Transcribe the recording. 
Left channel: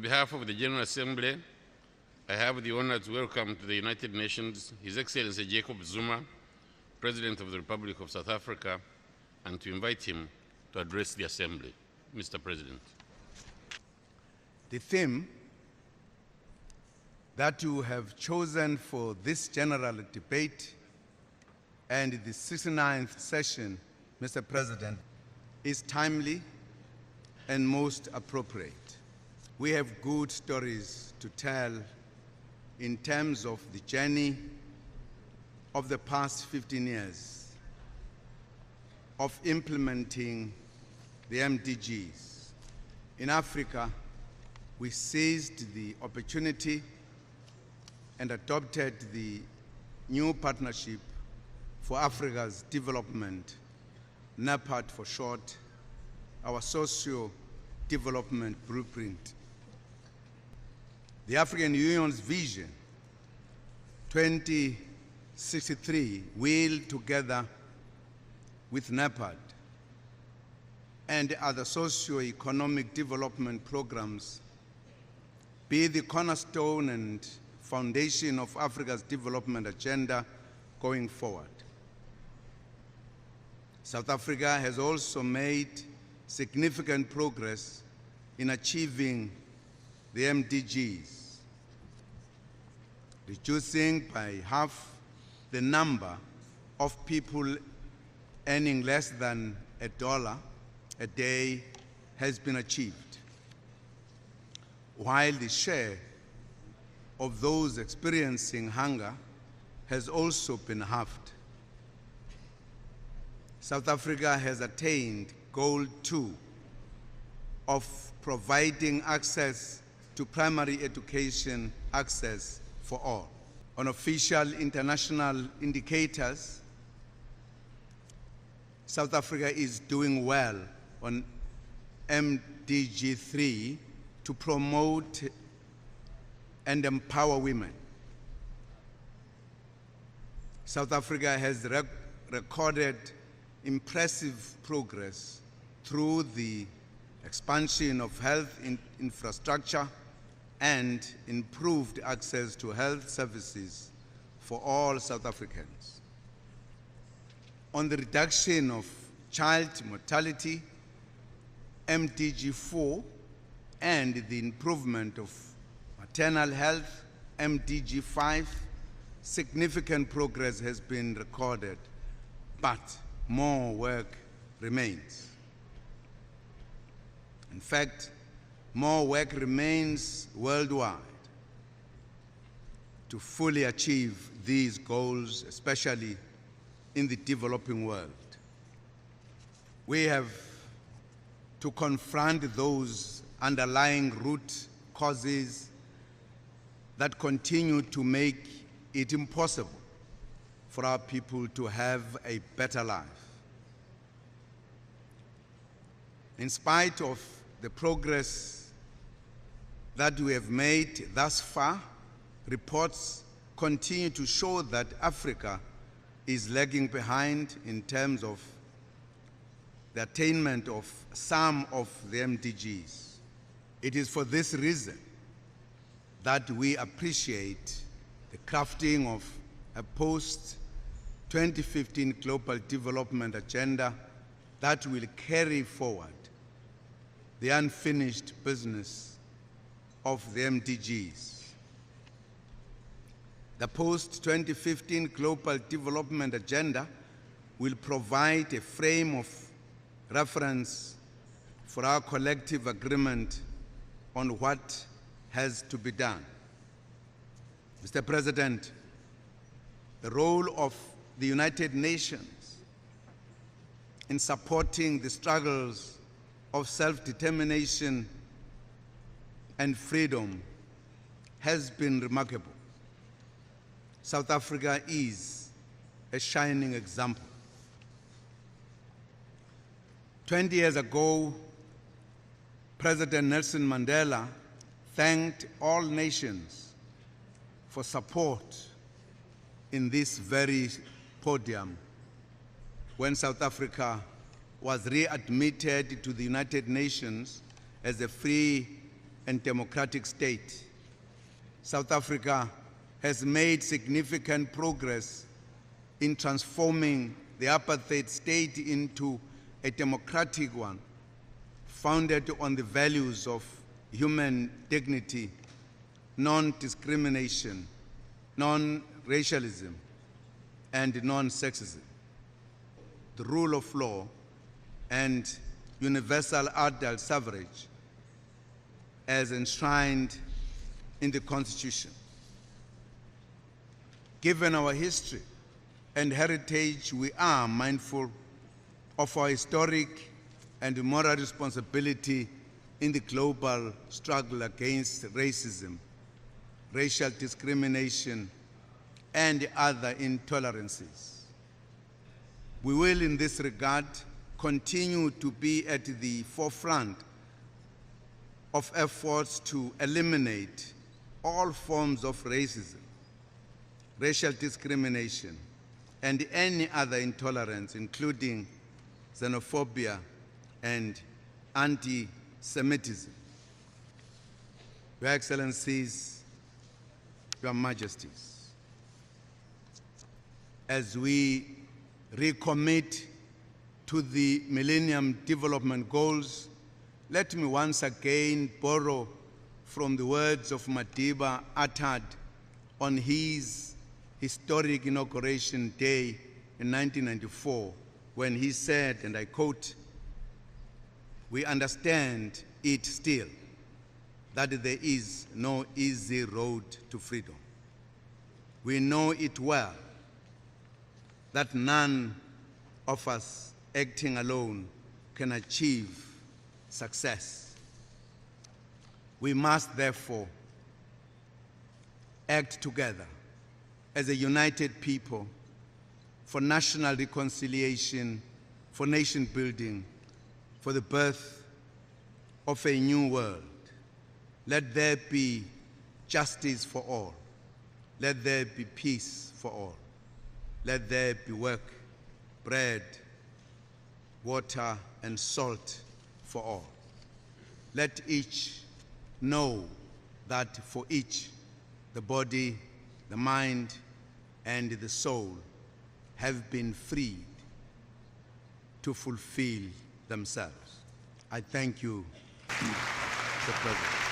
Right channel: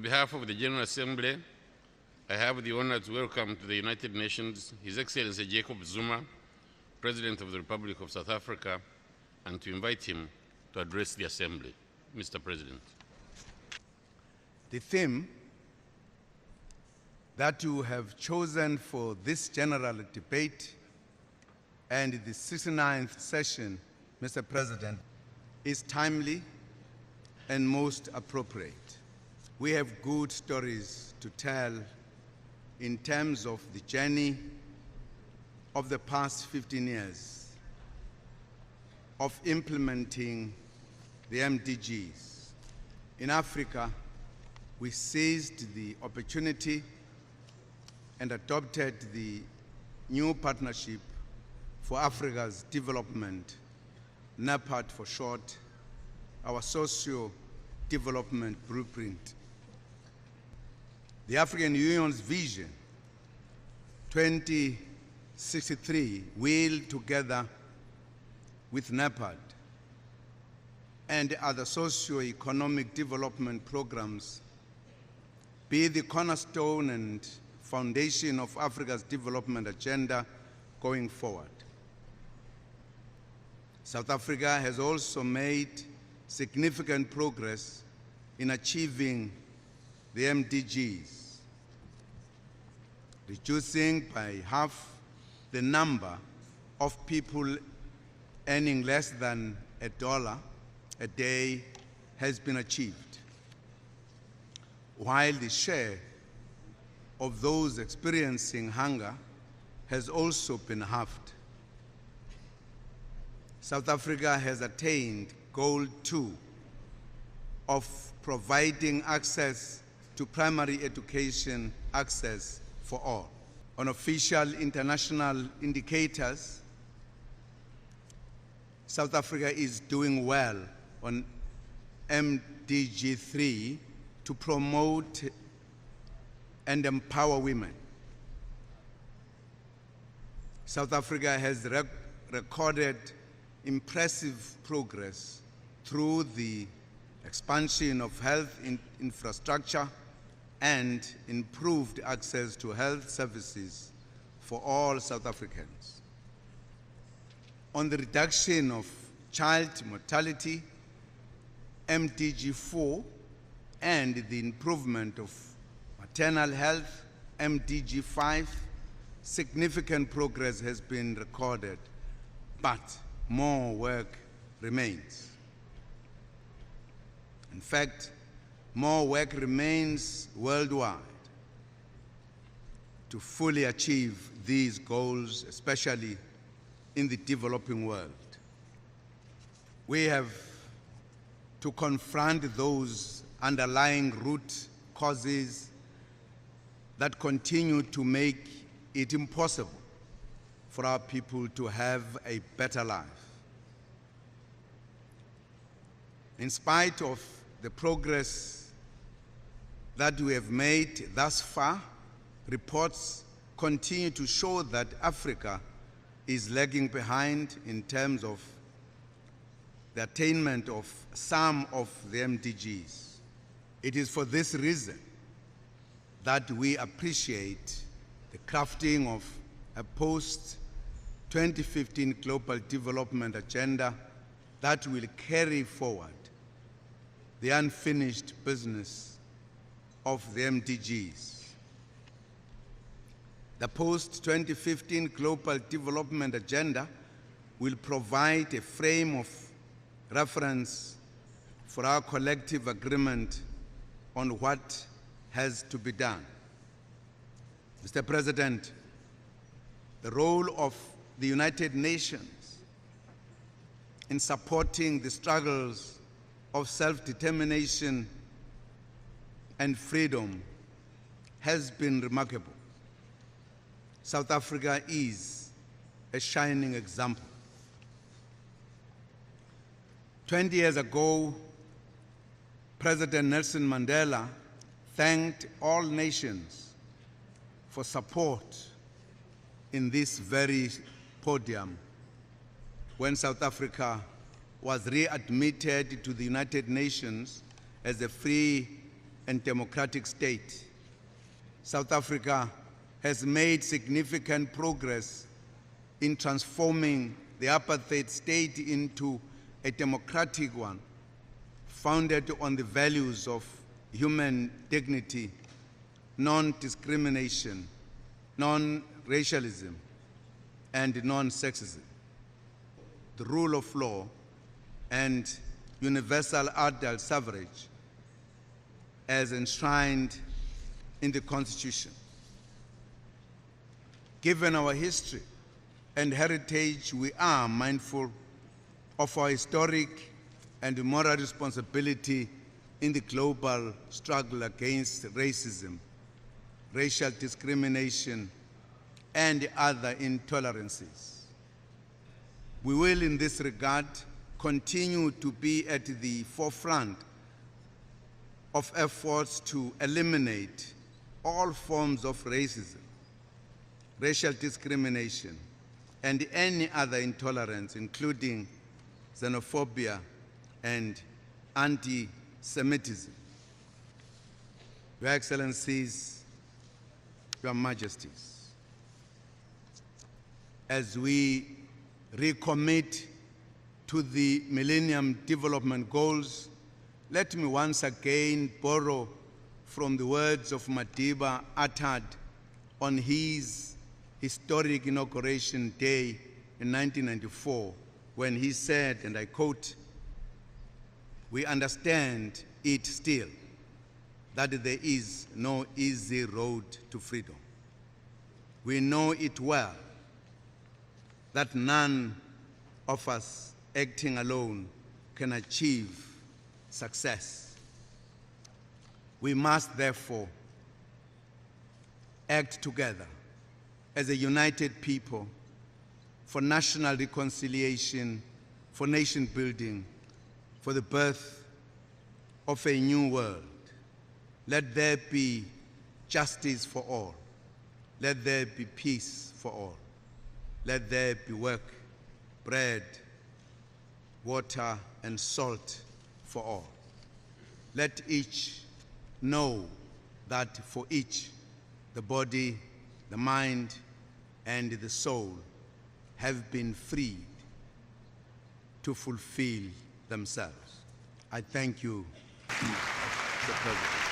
On behalf of the General Assembly, I have the honor to welcome to the United Nations His Excellency Jacob Zuma, President of the Republic of South Africa, and to invite him to address the Assembly. Mr. President. The theme that you have chosen for this general debate and the 69th session, Mr. President, is timely and most appropriate. We have good stories to tell in terms of the journey of the past 15 years of implementing the MDGs. In Africa, we seized the opportunity and adopted the new Partnership for Africa's Development, NEPAD for short, our socio-development blueprint. The African Union's Vision 2063 will, together with NEPAD and other socio-economic development programs, be the cornerstone and foundation of Africa's development agenda going forward. South Africa has also made significant progress in achieving the MDGs, reducing by half the number of people earning less than $1 a day has been achieved, while the share of those experiencing hunger has also been halved. South Africa has attained Goal 2 of providing access to primary education access for all. On official international indicators, South Africa is doing well on MDG 3 to promote and empower women. South Africa has recorded impressive progress through the expansion of health infrastructure and improved access to health services for all South Africans. On the reduction of child mortality, MDG 4, and the improvement of maternal health, MDG 5, significant progress has been recorded, but more work remains. In fact, more work remains worldwide to fully achieve these goals, especially in the developing world. We have to confront those underlying root causes that continue to make it impossible for our people to have a better life. In spite of the progress that we have made thus far, reports continue to show that Africa is lagging behind in terms of the attainment of some of the MDGs. It is for this reason that we appreciate the crafting of a post-2015 Global Development Agenda that will carry forward the unfinished business of the MDGs. The post-2015 Global Development Agenda will provide a frame of reference for our collective agreement on what has to be done. Mr. President, the role of the United Nations in supporting the struggles of self-determination and freedom has been remarkable. South Africa is a shining example. 20 years ago, President Nelson Mandela thanked all nations for support in this very podium when South Africa was readmitted to the United Nations as a free and democratic state. South Africa has made significant progress in transforming the apartheid state into a democratic one, founded on the values of human dignity, non-discrimination, non-racialism, and non-sexism, the rule of law, and universal adult suffrage as enshrined in the Constitution. Given our history and heritage, we are mindful of our historic and moral responsibility in the global struggle against racism, racial discrimination, and other intolerances. We will, in this regard, continue to be at the forefront of efforts to eliminate all forms of racism, racial discrimination, and any other intolerance, including xenophobia and anti-Semitism. Your Excellencies, Your Majesties, as we recommit to the Millennium Development Goals, let me once again borrow from the words of Madiba uttered on his historic inauguration day in 1994, when he said, and I quote, "We understand it still, that there is no easy road to freedom. We know it well, that none of us acting alone can achieve success. We must therefore act together as a united people for national reconciliation, for nation building, for the birth of a new world. Let there be justice for all. Let there be peace for all. Let there be work, bread, water, and salt for all. Let each know that for each, the body, the mind, and the soul have been freed to fulfill themselves." I thank you, Mr. President.